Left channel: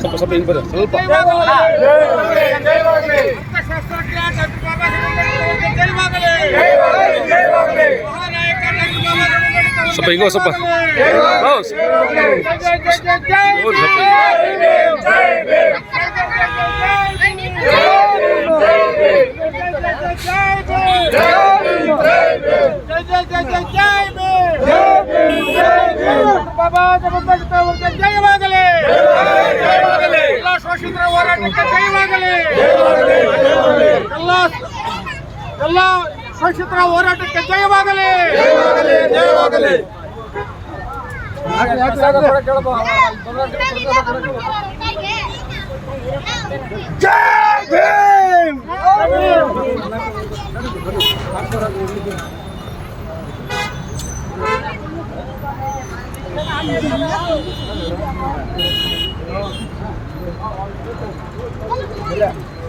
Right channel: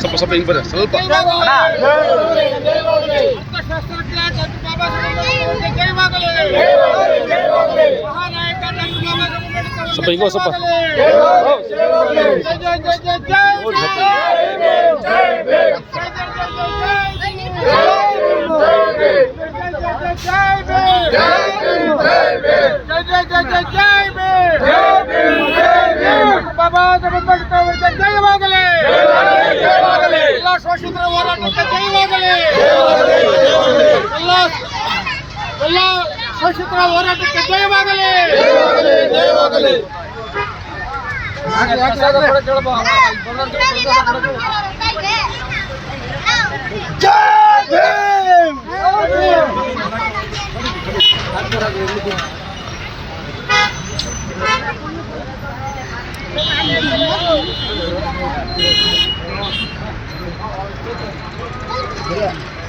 ಸ್ವಲ್ಪ ಸ್ವಲ್ಪ ಹಿಂಗೆ ಬರ್ರಿ ಸ್ವಲ್ಪ ಸ್ವಲ್ಪ ಹಿಂಗೋ ಸ್ವಲ್ಪ ಬಾಬಾ ಜಗನ್ನಾಥ ಅವರಿಗೆ ಜಯವಾಗಲಿ. ಎಲ್ಲ ಶೋಷಿತರ ಹೋರಾಟಕ್ಕೆ ಜಯವಾಗಲಿ. ಎಲ್ಲ ಶೋಷಿತರ ಹೋರಾಟಕ್ಕೆ ಜಯವಾಗಲಿ. ಜಯವಾಗಲಿ. ಜೈ ಭೀಮ್. Yeah.